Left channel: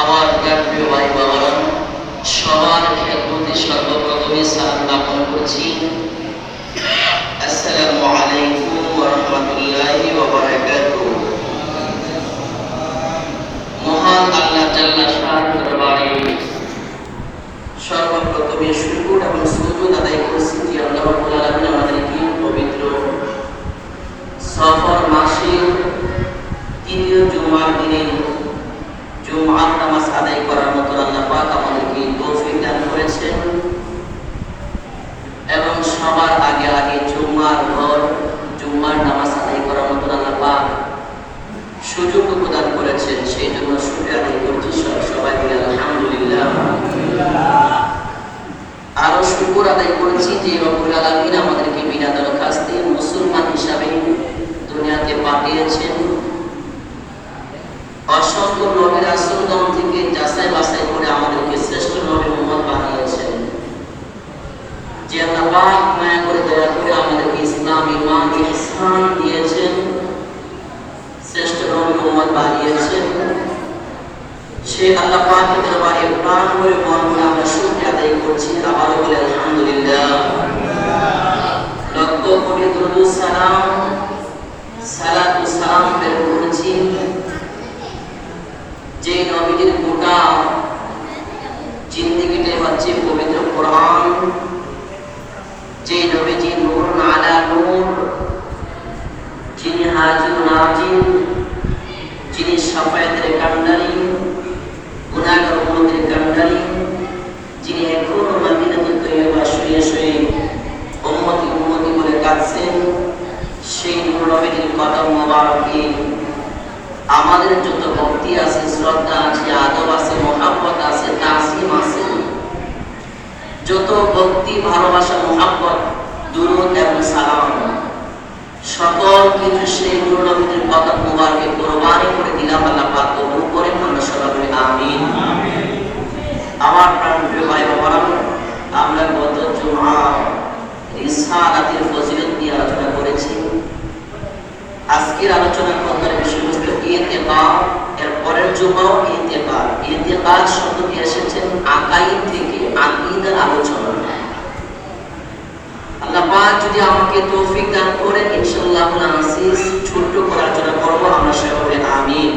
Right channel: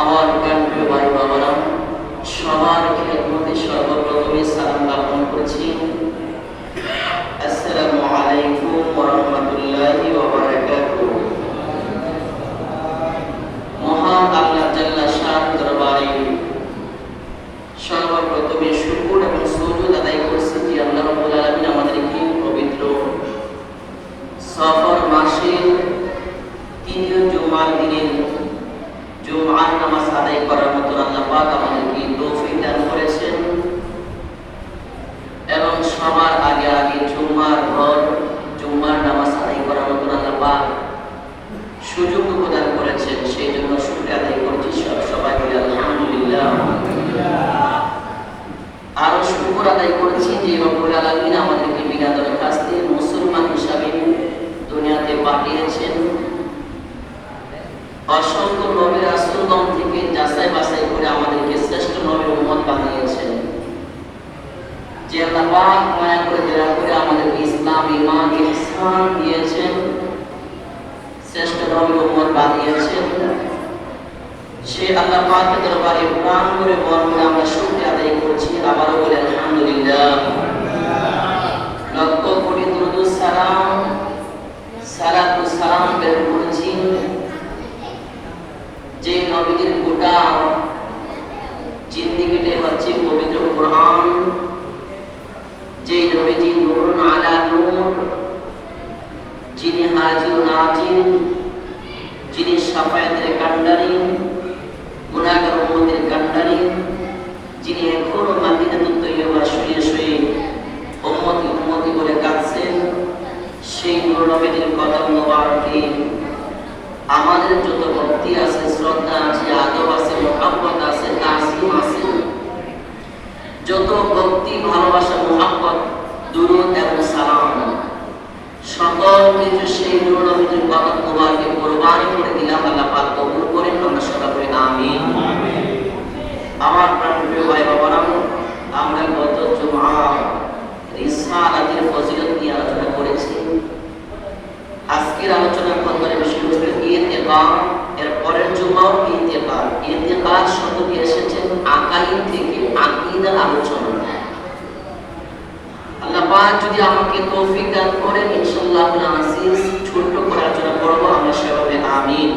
আমার প্রিয় ভাই বাবারা, সবার খেদমতে সর্বপ্রথমে সালাম জ্ঞাপন করছি। আসসালামু আলাইকুম ওয়া রাহমাতুল্লাহি ওয়া বারাকাতুহু। মহান আল্লাহ জাল্লা শান দরবারে সর্বপ্রথমে শুকর এবং সুজুদ আদায় করছি যে আল্লাহ রাব্বুল আলামিন আমাদেরকে পবিত্র সফর মাসের তৃতীয় জুমার দিনে জুমার নামাজ আদায় করার মতো আল্লাহ পাক আমাদেরকে তৌফিক দান করেছেন এবং সবার আগে আগে জুমার নামাজ আদায় করার মতো আল্লাহ পাক সুযোগ প্রদান করেছেন। সেই জন্য শুকরিয়া আদায় করছি সবাই বলে আলহামদুলিল্লাহ। আরো শুকর আদায় করছি যে রব্বুল আলামিন আমাদেরকে বিনা দরখাস্তে মুসলমান হিসাবে দুনিয়াতে পাঠিয়েছেন। অসংখ্য নবী রাসূলগণ থেকে যাচাই বাছাই করে আমাদেরকে শ্রেষ্ঠ নবী উম্মত বানিয়েছেন। যে আল্লাহ পাক মায়া করে দয়া করে আমাদেরকে ইসলাম, ঈমান, ইহসান দিয়েছেন, শ্রেষ্ঠ নবী উম্মত বানিয়েছেন। সেই আল্লাহ পাকের দরবারে প্রাণ করে মন করে আমরা শুকরিয়া আদায় করছি। আবারও বলে আলহামদুলিল্লাহ। লক্ষ কোটি দুরূদ সালাম প্রেরণ করেছি যে নবীজির গোটা জিন্দেগিটাই হচ্ছে পবিত্র কোরআন, যে নবীজি নূরুন আলা নূর, যিনি হাজির নাজির, যিনি শাফায়াতের কান্ডারি, গুনাহগার উম্মতের কান্ডারি, যিনি এখনো মদিনাতুত তৈয়বা শুয়ে শুয়ে উম্মতি বলে কাঁদছেন, সেই নূর নবীজির কদম মোবারকে আমাদের যত ভক্তি আছে, শ্রদ্ধা আছে, আদব আছে, মোহাব্বত আছে, তাসিম আছে, যত ভক্তি, ভালোবাসা, মোহাব্বত, দুরূদ এবং সালাম, সকল কিছু সেই নূর নবীজির কদম মোবারকে কুরবানি করে দিলাম। আল্লাহ পাক কবুল করেন। আমরা সবাই বলি আমিন। আমার প্রিয় ভাই বাবারা, আমরা গত জুমা রিসালাতের ফজিলত নিয়ে আলোচনা করেছি। আজকের আলোচনা করবার বিষয়বস্তু ইতিকাদ, এর পরের জুমাও ইতিকাদ। ইতিকাদ শব্দটি এসেছে আকাইদ থেকে, আকীদার আলোচনা। আল্লাহ পাক যদি আমাকে তৌফিক দান করেন, ইনশাআল্লাহ আজিজ ছোট করে আলোচনা করব। আমরা সবাই বলি আমিন।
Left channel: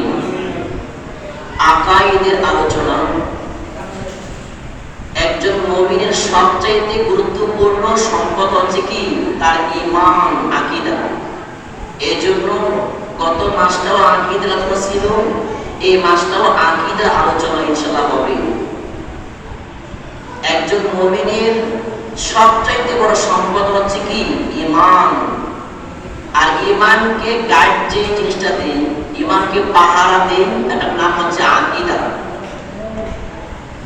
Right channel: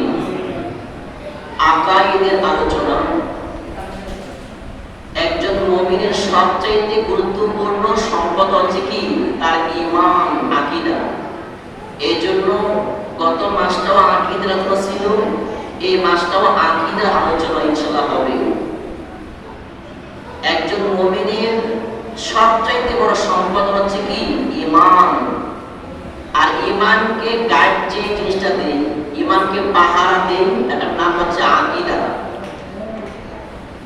আকাইদের আলোচনা। একজন মুমিনের সবচেয়ে গুরুত্বপূর্ণ সম্পদ হচ্ছে কি? তার ঈমান, আকীদা। এই জন্য গত মাসটাও আকীদার আলোচনা ছিল, এই মাসটাও আকীদার আলোচনা ইনশাআল্লাহ হবে। একজন মুমিনের সবচাইতে বড় সম্পদ হচ্ছে কি? ঈমান। আর ঈমানকে গাইড যে জিনিসটা দেয়, ঈমানকে পাহারা দেয়, এটার নাম হচ্ছে আকীদা।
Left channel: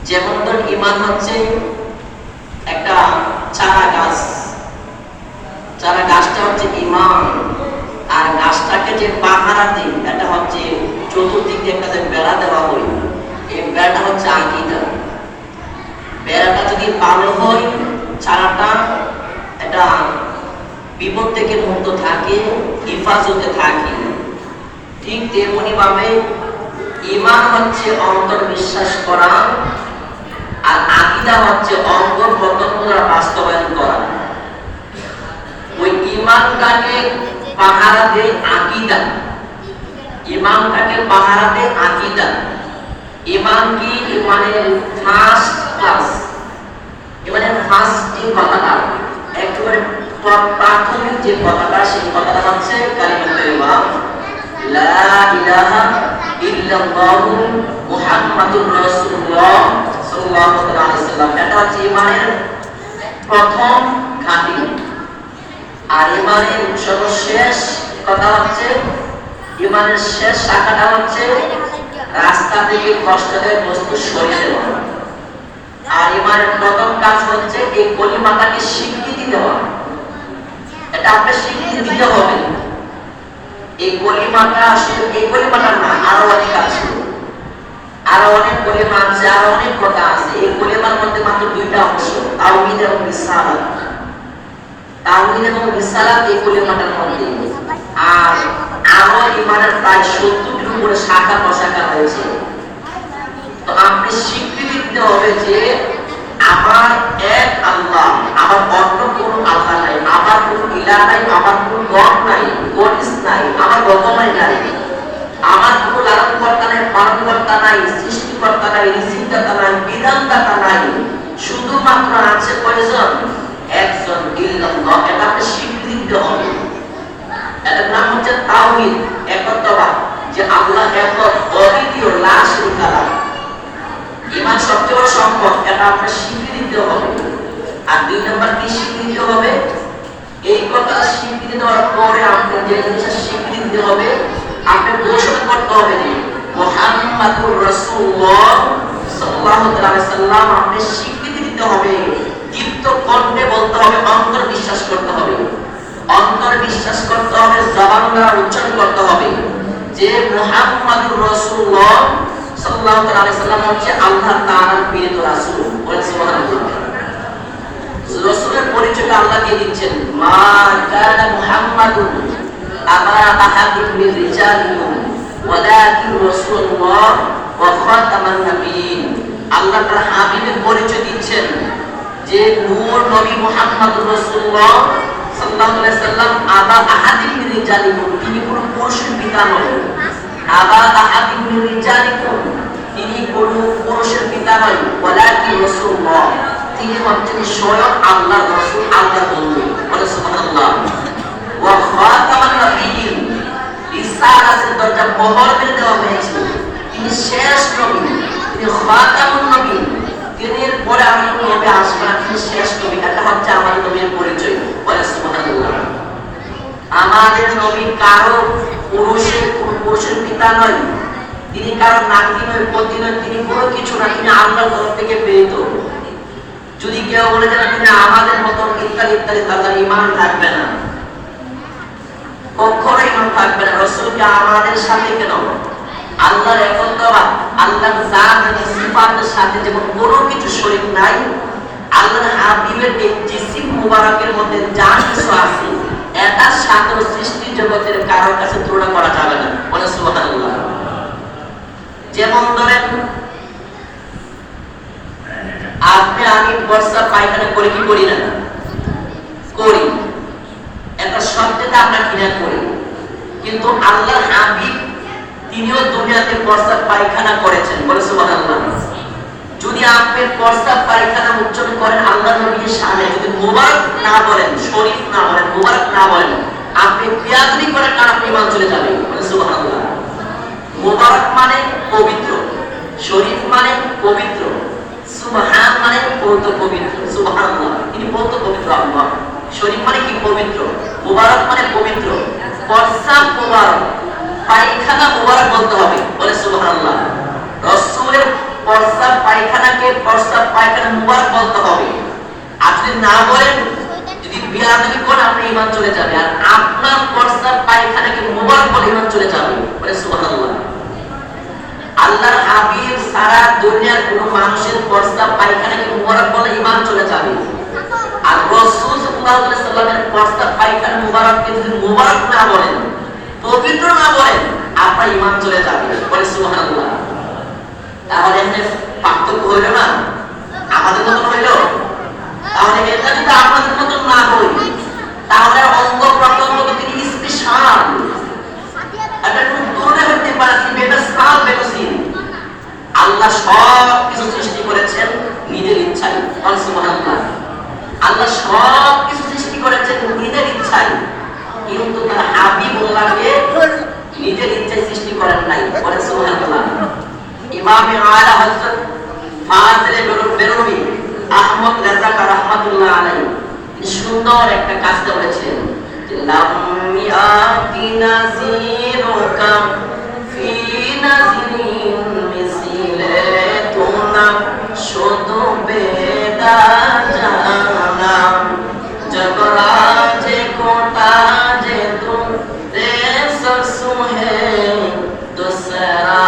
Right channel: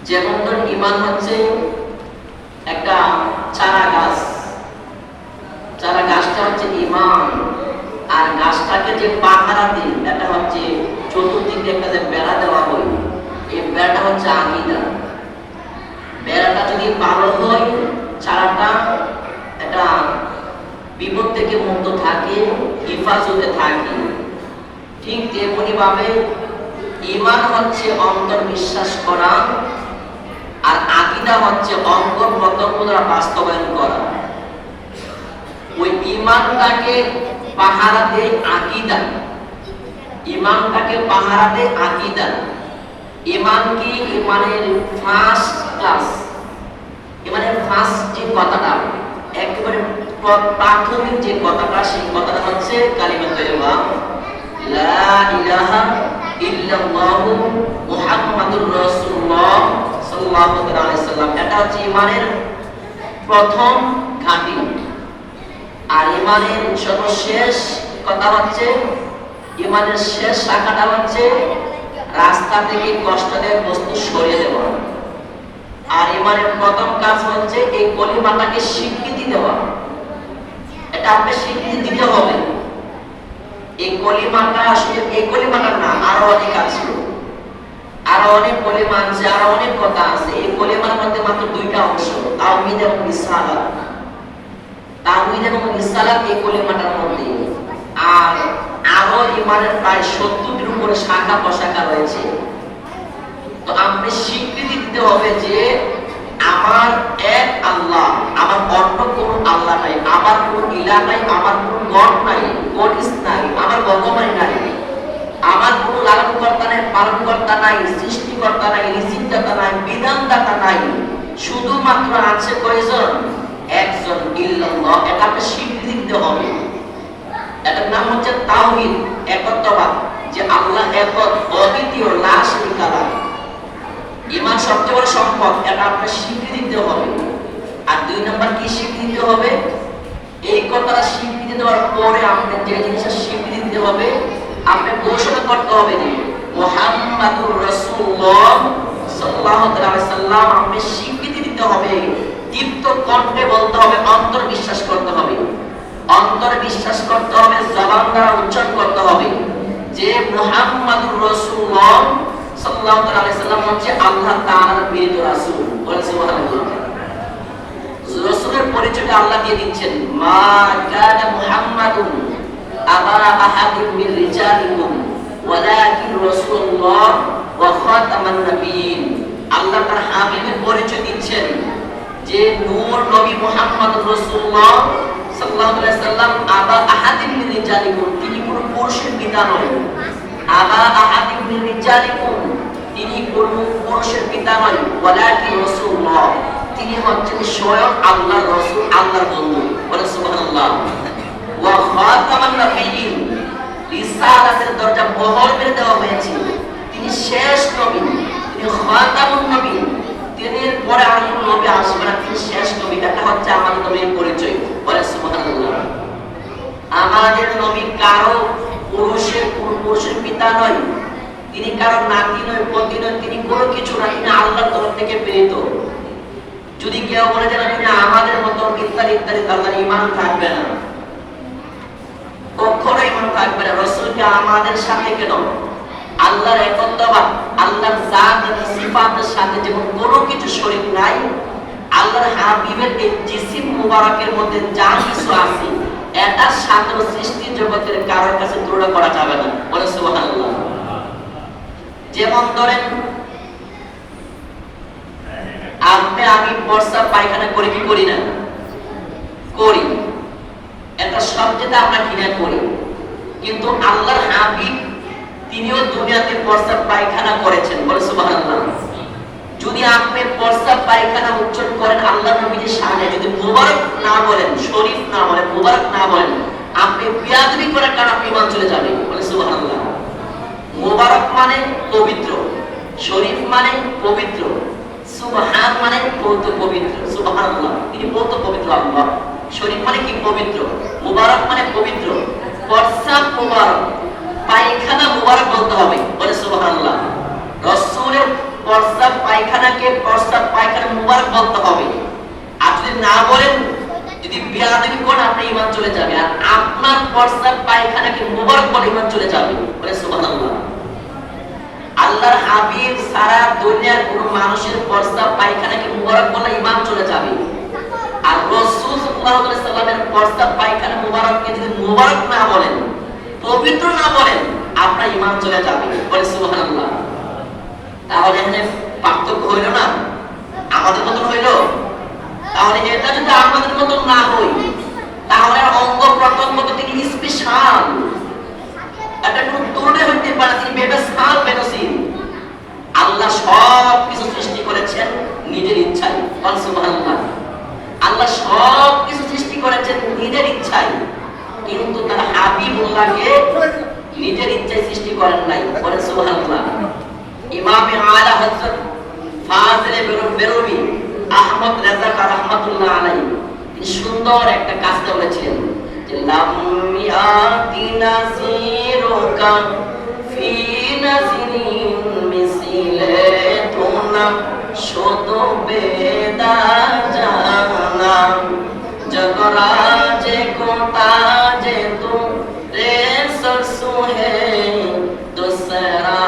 যেমন ধর ঈমান হচ্ছে একটা চারা গাছ, চারা গাছটা হচ্ছে ঈমান। আর গাছটাকে যে পাহারা দিন, এটা হচ্ছে চতুর্দিকে একটা যে বেড়া দেওয়া হয়, এই বেড়াটা হচ্ছে আকীদা। বেড়াটা যদি ভালো হয়, চারাটা এটা বিপদ থেকে মুক্ত থাকে, হেফাজতে থাকে। ঠিক তেমনি ভাবে ঈমান হচ্ছে অন্তর বিশ্বাস করা, আর আকীদা হচ্ছে অঙ্গ প্রত্যক্ষ দ্বারা বাস্তবায়ন করা। ওই ঈমানটাকে পাহারা দেয় আকীদা, ঈমানটাকে পাহারা দেয় আকীদা। ঈমান কি? ঈমানের ফার্স্ট ক্লাস, ঈমানের ফার্স্ট যে কথাটা, একেবারে প্রাথমিক যে কথাটা, সেই কথাটা হচ্ছে কালিমা তাইয়্যিবা, লা ইলাহা ইল্লাল্লাহু মুহাম্মাদুর রাসূলুল্লাহ সাল্লাল্লাহু আলাইহি ওয়াসাল্লাম। এটা হচ্ছে ঈমানের প্রথম ঘাঁটি। আর ঈমানের সর্বশেষ কথা হচ্ছে, ঈমানের শেষ শাখাটা হচ্ছে রাস্তা থেকে কষ্টের বস্তু সরিয়ে দেওয়া। আর ঈমানের প্রথম কাজ হচ্ছে এই কলিমাটাকে স্বীকৃতি দেওয়া। এটা আপনি স্বীকৃতি দিতে হবে। এই কলিমাটা আসলে এই কলিমাটা না, আরো অনেক আছে, আরো অনেক কলিমা আছে, আরো অনেক কথা আছে। এই কলিমার মধ্যে মাত্র দুইটা অংশ, তাওহীদ এবং রিসালাত। তাওহীদ এবং রিসালাত এই কলিমাটার মধ্যে। আর আরো ঈমানের প্রায় 70টির উপরে শাখা প্রশাখা রয়েছে। তো আপনি স্বীকৃতি দিতে হবে যে আমার এক আল্লাহ, আমার অন্য কোনো আল্লাহ নাই, আমার কোনো ইলাহ নাই, আমার কোনো গড নাই, গডিস নাই, আমার ভগবান নাই, আমার কোনো লালনকর্তা নাই, পালনকর্তা নাই, সৃষ্টিকর্তা নাই, রিজিকদাতা নাই, বিধানদাতা নাই, শুধুমাত্র আছে কয়জন? একজন, ইল্লাল্লাহ। এটা আপনি স্বীকৃতি দিতে হবে। এটার নাম হচ্ছে তাওহীদ, একত্ববাদ, যে আল্লাহ এক, অদ্বিতীয়, লা শারীকা লাহু। ঈমান সবচেয়ে বড় সম্পদ, এটা আপনার স্বীকৃতি দিতে হবে। আর দুই নাম্বার কি স্বীকৃতি দিতে হবে? এই কথা স্বীকৃতি দেওয়ার পরে আপনি যে জিনিসটা স্বীকৃতি দিতে হবে, আপনি ঘোষণা করতে হবে যে মুহাম্মাদুর রাসূলুল্লাহ সাল্লাল্লাহু আলাইহি সাল্লাম। আপনি স্বীকৃতি দিতে হবে, দীপ্ত কণ্ঠে বলতে হবে, অন্তর বিশ্বাস করতে হবে, অন্তর বিশ্বাস করতে হবে, জবান দ্বারা উচ্চারণ করতে হবে যে মুহাম্মাদুর রাসূলুল্লাহ সাল্লাল্লাহু আলাইহি সাল্লাম হচ্ছে আল্লাহ তাআলার প্রেরিত রাসূল। বলেন সুবহানাল্লাহ। রাসূলের পরিচয়টা আল্লাহ দিয়ে দিচ্ছেন, মা কানা মুহাম্মাদুন আবা আহাদিন মিন রিজালিকুম ওয়ালাকিন রাসূলুল্লাহ ওয়া খাতামান নাবিয়্যিন। আল্লাহ তার হাবিবের পরিচয় দিচ্ছেন যে নূর নবী মুহাম্মদুর রাসূলুল্লাহ সাল্লাল্লাহু আলাইহি সাল্লাম আবা আহাদিন মিন রিজালিকুম, তিনি কোনো পুরুষের পিতা নন। আবা আহাদিন মিন রিজালিকুম, তিনি কোনো পুরুষের পিতা নন। ওয়ালাকিন রাসূলুল্লাহ, তিনি হচ্ছেন স্বয়ং আল্লাহর রাসূল, আল্লাহর বন্ধু। বলেন সুবহানাল্লাহ। ওয়া খাতামান নাবিয়্যিন, রিসালাতের দরজা বহর করে দেওয়া হয়েছে, তিনি শেষ নবী, তিনি খাতামুন নবী, তিনি পরে আর কোনো নবী আসবে না, তিনি শেষ নবী। এটা হচ্ছে আমার নবীর পরিচয়। বলেন সুবহানাল্লাহ। আমাদের নবী কারো পুরুষের পিতা নয়, তিনি কারো নাতি নয়, পতি নয়, তিনি কোনো কিছু না, তিনি আল্লাহর তরফ থেকে প্রেরিত। যদি কেউ বলে যে তিনি আমাদের মতো ইত্যাদি ইত্যাদি, তাদের ঈমান থাকবে না, কখনো ঈমান থাকবে না। রাসূলকে আমাদের সাথে কেন? আল্লাহর একত্ববাদ, আল্লাহর জাত এবং সিফাতের সাথে যেমন কোনো কিছু শরীক নাই, আল্লাহর হাবিবের এই জিসিম মুবারকের মধ্যে যা কিছু আছে এটার সাথে সৃষ্টি জগতের কারোর কাছে তুলনা করা যাবে না। বলে সুবহানাল্লাহ। যেমন ধরেন আপনি আমি বর্ষা পায়খানা করি কি করি না? করি। এটা সবচেয়ে আমরা ঘৃণা করি, কিন্তু আল্লাহর হাবিব তিনিও দুনিয়াতে বর্ষা পায়খানা করেছেন। বলে সুবহানাল্লাহ। যদি আপনি বর্ষা পায়খানা উচ্চারণ করেন আল্লাহর নবীর সামনে, যদি মুবারক না বলেন, শরীফ না বলেন, মুবারক না বলেন, আপনি বিয়াদবি করার কারণে আপনি ঈমান চলে যাবে। বলে সুবহানাল্লাহ। মুবারক মানে পবিত্র, শরীফ মানে পবিত্র, সুবহান মানে বহুত পবিত্র। সুবহানাল্লাহ, তিনি বহুত পবিত্র আল্লাহ। শরীফ মানে কি? পবিত্র। মুবারক মানে পবিত্র। প্রস্রাব মুবারক, পায়খানা মুবারক বলতে হবে। বলে সুবহানাল্লাহ। রাসূলের প্রস্রাব পায়খানাকে প্রস্রাব পায়খানা মুবারক বলতে হবে। আর যদি না বলেন, যদি বিয়াদবি করেন, আপনি ঈমান চলে যাবে। আর আপনার প্রস্রাব পায়খানাকে মুবারক বলে ঈমান চলে যাবে। বলে সুবহানাল্লাহ। আল্লাহর হাবিব সারা দুনিয়ার কোন মানুষের প্রস্রাব পায়খানাকে মুবারক বলে ঈমান চলে যাবে। আর রাসূল সাল্লাল্লাহু আলাইহি সাল্লামের প্রস্রাব পায়খানা মুবারককে যদি মুবারক না বলেন, পবিত্র না বলেন, আপনার ঈমান চলে যাবে। বলে সুবহানাল্লাহ। তাহলে এখানে পার্থক্য হইল না? আমাদের মত হইল? তাহলে এটা যদি আমাদের মত না হই, তাহলে অঙ্গ প্রত্যঙ্গ তো তিনি স্পেশাল, এটা খুব দূরে হইতে পারে, তিনি বেস্পেশাল বেকসিন। আল্লাহ সব কিছু সৃষ্টি করেছেন নিজের ইচ্ছায়। বলে সুবহানাল্লাহ। আল্লাহ সব কিছু সৃষ্টি করেছেন নিজের ইচ্ছায়, কিন্তু তার হাবিবুল্লাহকে নিজের ইচ্ছায় সৃষ্টি করেন নাই। বলে সুবহানাল্লাহ। ইমামে আলা হযরত ফাজিলে বেরলভী আহমদ রেজা রাহমাতুল্লাহ আলাইহি তিনি সুন্দর একটা কাজটা বলেছিলেন যে লাম ইয়াতি নাযিরুকা ফি নাযরিন মিসলে তুনা শুধু বেদা জানা জগরাজে কোটা যে তু রে সরসু হে দোসরা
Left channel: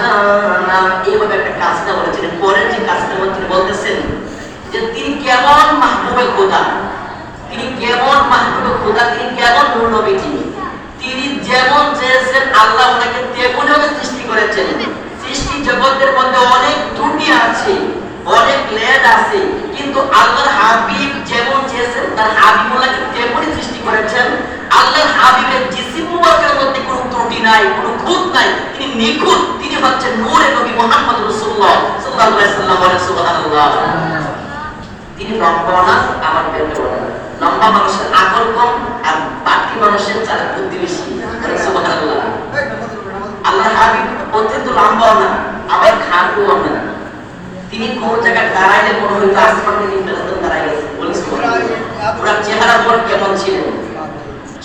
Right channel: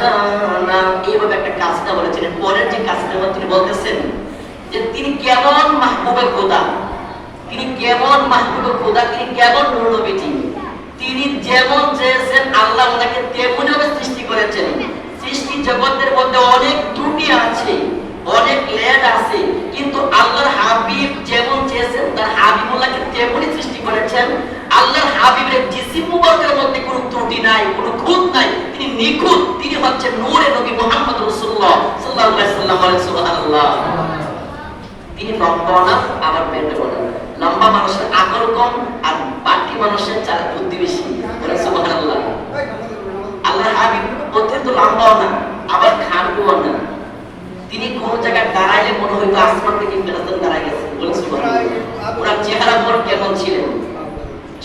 জানা। এইভাবে একটা কাজটা বলেছিলেন। পরের যে কাজটা তিনি বলতেছেন যে তিনি কেমন মাহবুবে খোদা, তিনি কেমন মাহবুবে খোদা, তিনি কেমন নূর নবীজি, তিনি যেমন চেয়েছেন আল্লাহ ওনাকে তেমনভাবে সৃষ্টি করেছেন। সৃষ্টি জগতের মধ্যে অনেক আছে, অনেক লেজ আছে, কিন্তু আল্লাহর হাবিব যেমন চেয়েছেন তার হাবিবুল্লাহকে তেমনই সৃষ্টি করেছেন। আল্লাহর হাবিবের জিসিম মুবারকের মধ্যে কোনো ত্রুটি নাই, কোনো খুঁত নাই, তিনি নিখুঁত। তিনি হচ্ছেন নূরে নবী মুহাম্মদ রাসূলুল্লাহ সাল্লাল্লাহু আলাইহি ওয়াসাল্লাম। সুবহানাল্লাহ। তিনি লম্বা না, আবার পেটে না। লম্বা মানুষের আকল কম, আর বাকি মানুষের চারা বুদ্ধি বেশি। সুবহানাল্লাহ। আল্লাহর হাবিব অত্যন্ত লম্বাও না, আবার খাটুও না। তিনি কোন জায়গায় দাঁড়াইলে মনে হইতো আসমান থেকে ইন্টারনেট দাঁড়াই গেছে। বলে সুবহানাল্লাহ। ওনার চেহারা পর কেমন ছিল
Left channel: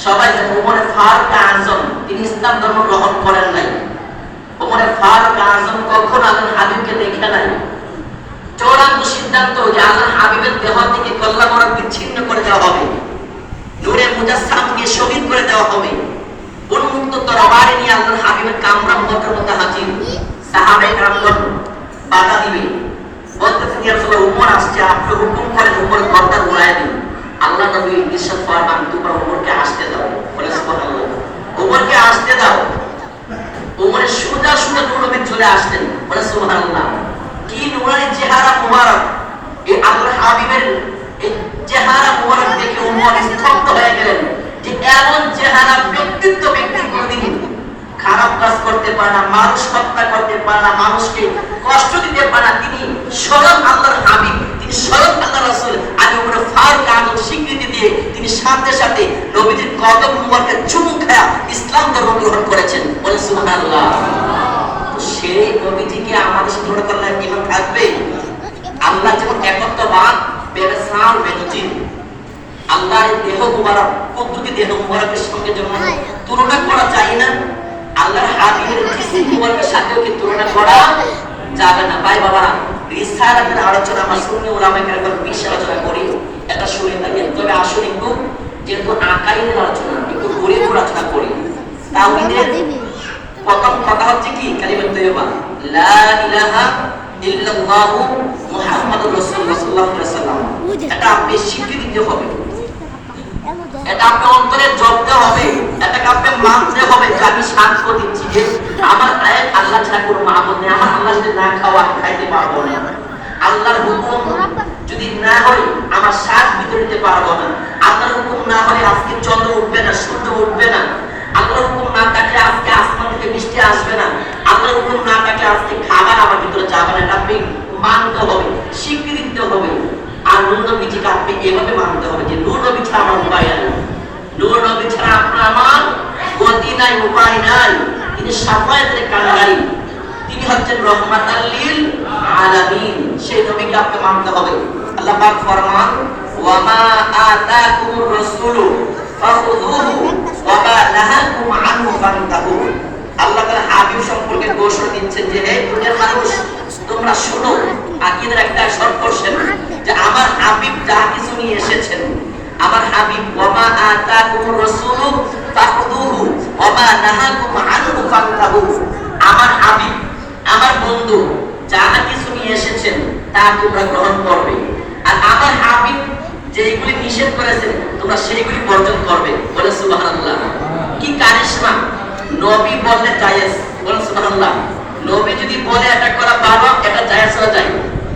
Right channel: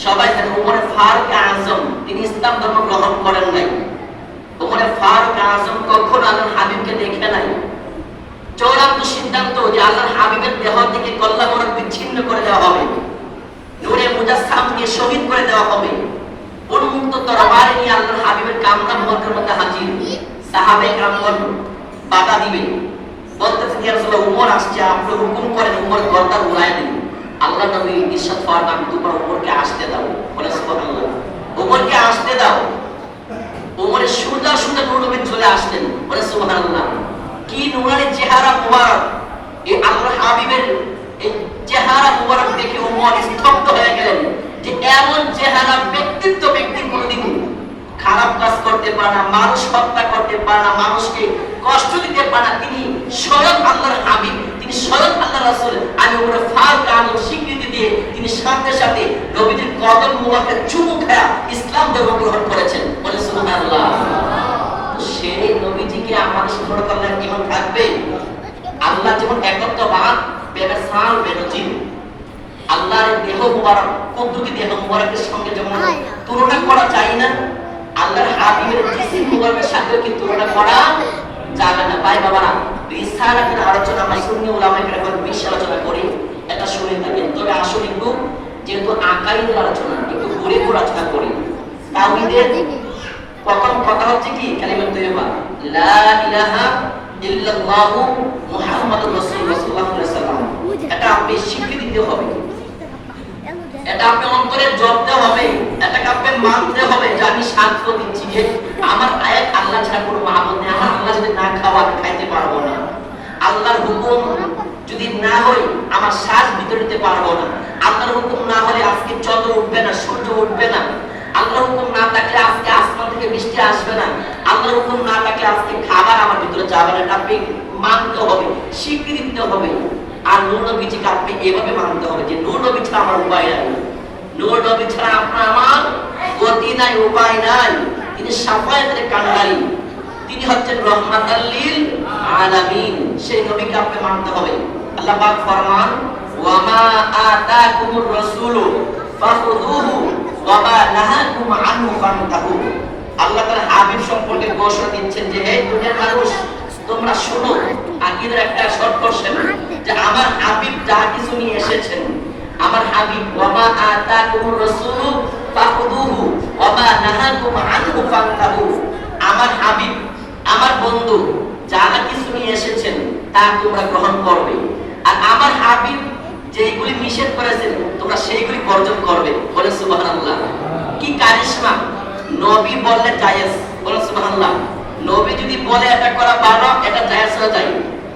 সবাই জানেন। ওমরে ফারুক আযম, তিনি ইসলাম ধর্ম গ্রহণ করেন নাই। ওমরে ফারুক আযম কখনো আল্লাহর হাবিবকে দেখে নাই। চূড়ান্ত সিদ্ধান্ত যে আল্লাহর হাবিবের দেহ থেকে কল্লা মোড়ক বিচ্ছিন্ন করে দেওয়া হবে, নূরে মুজাসসামকে শহীদ করে দেওয়া হবে। উন্মুক্ত তরবারি নিয়ে আল্লাহর হাবিবের কামরা মুবারকের মধ্যে হাজির। সাহাবায়ে কেরামগণ বাধা দিবে, বলতেছেন ইয়া রাসূলুল্লাহ, উমর আসছে, আপনি হুকুম করেন উমর গর্দান উড়ায় দিন। আল্লাহ নবী ইরশাদ ফরমান, দুবার উমরকে আসতে দাও। বলে সুবহানাল্লাহ। উমরকে আসতে দাও। উমরের সোজা সোজা নবী চলে আসলেন। বলে সুবহানাল্লাহ। কি নূরানি চেহারা মুবারক! এই আল্লাহর হাবিবের এই চেহারা মুবারক দেখে উমর স্তব্ধ হয়ে গেলেন যে এমন চেহারা ব্যক্তি কোনদিন খারাপ কাজ করতে পারে না, মানুষ হত্যা করতে পারে না, মানুষকে কষ্ট দিতে পারে না। তিনি স্বয়ং আল্লাহর হাবিব, তিনি স্বয়ং আল্লাহর রাসূল। আমি ওমর ফারুক আযম স্বীকৃতি দিয়ে তিনি সাথে সাথে নবীজির কদম মুবারকে চুমু খায়া ইসলাম ধর্ম গ্রহণ করেছেন। বলে সুবহানাল্লাহ। সেই নবীজিকে আমাদের স্মরণ করলে কেমন থাকবে? আল্লাহ যেমন একত্ববাদ বেবেসাল বেনজির, আল্লাহর দেহ মুবারক কুদরতি দেহ মুবারকের সঙ্গে যেমন তুলনা করা যায় না, আল্লাহর হাবিবের জিসিম মুবারকের সাথেও কি তুলনা করা যাবে না। ভাই বাবা, রিসালাতের আলোচনা আমরা সুন্নি উলামায়ে কেরাম বেশি আলোচনা করি, এটা শুনে থাকেন। তবে আসলে একটু যেহেতু আকাইদের আলোচনা, একটু ঘুরে ঘুরে আলোচনা করি। তাওহীদের প্রথম কথা হচ্ছে কি? কালিমা তাইয়্যিবা, লা ইলাহা ইল্লাল্লাহু মুহাম্মাদুর রাসূলুল্লাহ সাল্লাল্লাহু আলাইহি ওয়াসাল্লাম। এটা আপনি স্বীকৃতি দিতে হবে, এটা আপনি অন্তরে জপতে হবে, এটাকে আপনি মানতে হবে যে আমি সাক্ষ্য দিচ্ছি যে আমার আয়াত আল্লাহ ছাড়া কোনো মাবুদ নেই। আমার আল্লাহ যদি না খাওয়া খাইতে পারবো না, আল্লাহর হুকুম যদি না হয় আমার শ্বাস ভিতরে নিতে পারবো না, আল্লাহর হুকুম না হলে আজকে চন্দ্র উঠবে না, সূর্য উঠবে না, আল্লাহর হুকুম না থাকলে আজকে আসমান থেকে বৃষ্টি আসবে না, আল্লাহর হুকুম না থাকলে আজকে খাবার আমার ভিতরে যাবে না। এটা আপনি মানতে হবে, স্বীকৃতি দিতে হবে। আর নূর নবীজিকে আপনি এভাবে মানতে হবে যে নূর নবী ছাড়া আমার উপায় নাই, নূর নবী ছাড়া আপনার আমার গতি নাই, উপায় নাই। তিনি শাফায়াতের কান্ডারি, তিনি হচ্ছেন রাহমাতাল লিল আলামিন। সেই নবীকে আপনি মানতে হবে। আল্লাহ পাক ফরমান, ওয়া মা আতাকুমুর রাসূলু ফাখুযুহু ওয়া মা নাহাকুম আনহু ফান্তাহু। আল্লাহ তাআলা হাবিব সম্পর্কে ঘোষণা দিচ্ছেন যে হে দুনিয়ার মানুষ, তোমরা শোনো, আকীদার একটা শর্ত করছেন যে আমার হাবিব যা কিছু নিয়ে এসেছেন, আমার হাবিব ওয়া মা আতাকুমুর রাসূলু ফাখুযুহু ওয়া মা নাহাকুম আনহু ফান্তাহু। আমার হাবিব, আমার বন্ধু যা কিছু নিয়ে এসেছেন তা তোমরা গ্রহণ করবে, আর আমার হাবিব যেগুলি নিষেধ করেছেন তোমরা সেইগুলি বর্জন করবে। বলে সুবহানাল্লাহ। কি কারিশমা! নবী বললে জায়েজ। বলে সুবহানাল্লাহ। নবী যদি বলে এটা করা ভালো, এটা জায়েজ হয়ে যায়।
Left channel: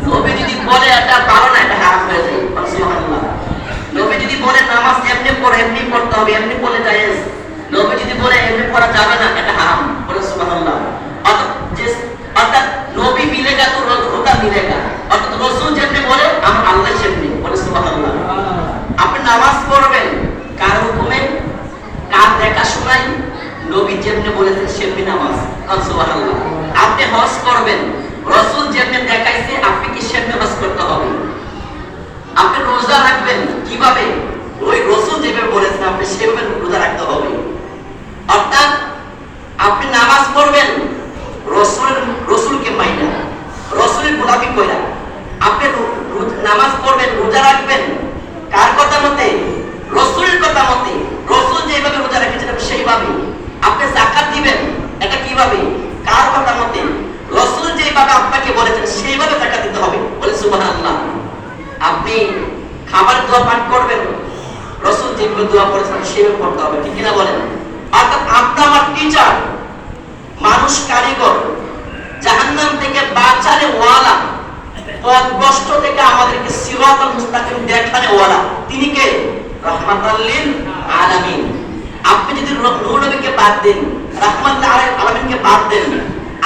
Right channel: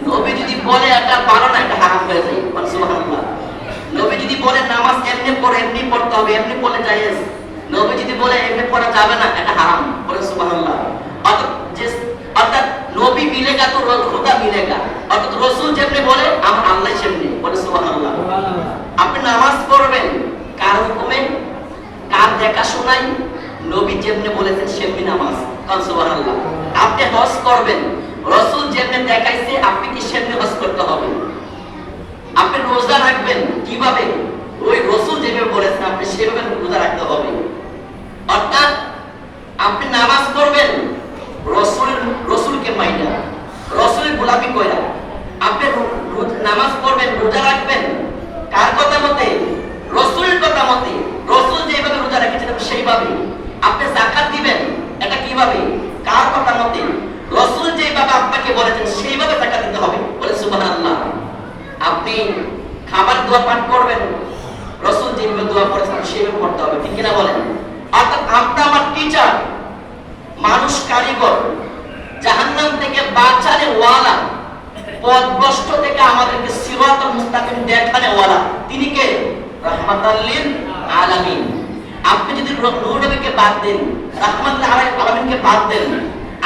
নবী যদি বলে এটা ভালো না, এটা হারাম হয়ে যায়। বলে সুবহানাল্লাহ। নবী যদি বলে নামাজ এমনি পড়ো, এমনি পড়তে হবে, এমনি পড়লে জায়েজ। নবী যদি বলে এমনি পড়া যাবে না, এটা হারাম। বলে সুবহানাল্লাহ। অর্থাৎ নবী মিলেগা তো খোদা মিলেগা। অর্থাৎ রাসূল যেমনি বলে আমার আল্লাহ সেমনি। বলে সুবহানাল্লাহ। আপনি নামাজ পড়বেন কার হুকুমে, কার দেখাশোনায়? নবী যেমনি বলেছেন সেমনি নামাজ। সুবহানাল্লাহ। আপনি হজ করবেন, রাসূল যেমনি দেখাইছে আপনি কি সেমনি হজ করতে হবে। আপনি রোজা রাখবেন কিভাবে? ওই রাসূল যেভাবে বলেছেন আপনি সেভাবে রোজা রাখতে হবে। অর্থাৎ আপনি নামাজ পড়বেন রাসূলকে মাইনা, রাসূলের গোলামি কইরা। আপনি নামাজ পড়বেন, রোজা রাখবেন কার কথা মতে? রাসূলের কথা মতে। রাসূল যেভাবে রোজা রেখেছেন সেইভাবে। আপনি যাকাত দিবেন, এটা কিভাবে? কার কথা মতে? রাসূল যেভাবে আপনাকে বলেছেন সেইভাবে যাকাত দিতে হবে। বলে সুবহানাল্লাহ। আপনি খাবার দোয়া পান করবেন, রাসূল যেভাবে দোয়া করেছেন সেইভাবে করতে হবে। ঠিক কিনা বলেন? অর্থাৎ আপনি আমার টিচার, মানুষ কারিগর, জাহান্নাম থেকে বাঁচানে ওয়ালা, পথভ্রষ্ট থেকে আমাদেরকে সিরাতাল মুস্তাকিম দেখানে ওয়ালা, তিনি কে? রাহমাতাল লিল আলামিন। আপনি যদি নূর নবীকে বাদ দেন, রাহমাতুল আলামিনকে বাদ দেন,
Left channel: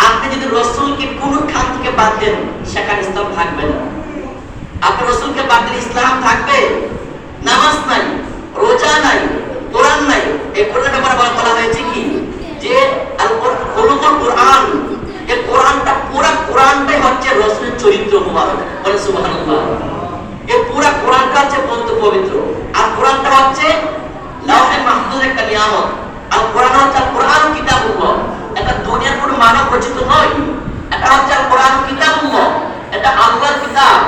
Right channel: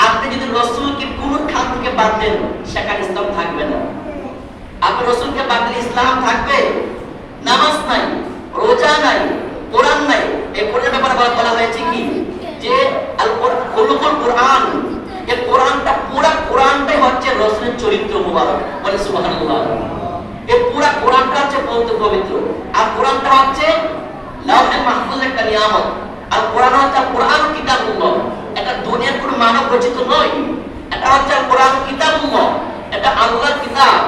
আপনি যদি রাসূলকে কোন খান থেকে বাদ দেন, সেখানে ইসলাম থাকবে না। আপনি রাসূলকে বাদ দিলে ইসলাম থাকবে? নামাজ নাই, রোজা নাই, কোরআন নাই। এই কোরআনের ব্যাপারে বলা হয়েছে কি যে আল কোরআন, এই কোরআনটা পুরো কোরআনটাই হচ্ছে রাসূলের চরিত্র মুবারক। বলে সুবহানাল্লাহ। এই পুরো কোরআনটা হচ্ছে পবিত্র। আর কোরআনটা হচ্ছে লাওহে মাহফুজের একটা নিয়ামত। আর কোরআন হচ্ছে কোরআন কিতাবুল্লাহ। এটা দুনিয়ার কোনো মানব রচিত নয়। এটা হচ্ছে কোরআন কিতাবুল্লাহ। এটা আল্লাহর কিতাব।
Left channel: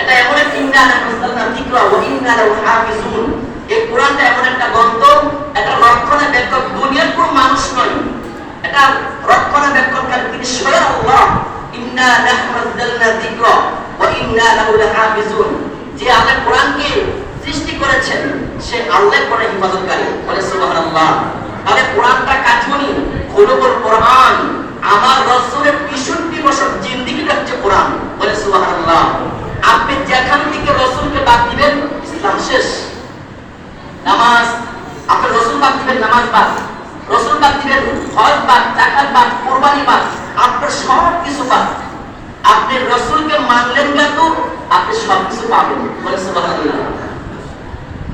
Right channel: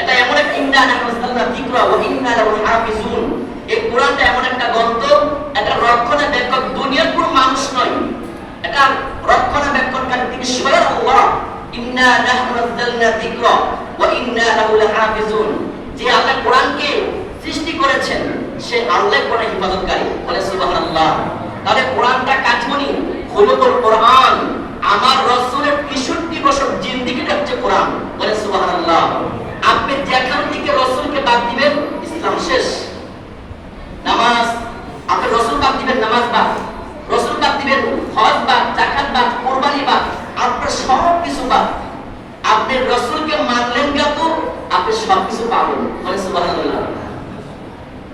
এটা এমন একটা ইন্না নাযালনা যিকরা ওয়া ইন্না লাহু হাফিজুন। এই কোরআনটা এমন একটা গ্রন্থ, এটা রক্ষণাবেক্ষক দুনিয়ার কোনো মানুষ নয়। এটা রক্ষণাবেক্ষণকারী তিনি স্বয়ং আল্লাহ। ইন্না নাহনু নাযালনা যিকরা ওয়া ইন্না লাহু লাহাফিজুন। যে আল্লাহ কোরআনকে সৃষ্টি করেছেন, সে আল্লাহ কোরআনের হিফাজতকারী। বলে সুবহানাল্লাহ। তাহলে কোরআনটা কাজমনি খুলুকুল কোরআন। আমার রাসূলের ৬৩ বছর জিন্দেগিটা হচ্ছে কোরআন। বলে সুবহানাল্লাহ। আপনি যেখান থেকে রাসূলকে বাদ দিবেন, ইসলাম শেষ। নামাজ, আপনি রাসূল বাদ দিবেন, নামাজ বাদ। রাসূল বাদ দিবেন, হজ বাদ, যাকাত বাদ, কুরবানি বাদ, আপনার সব কিছু বাদ। আপনি রাসূলকে মানলেন কিন্তু আপনি সব কিছু পাবেন। বলে সুবহানাল্লাহ।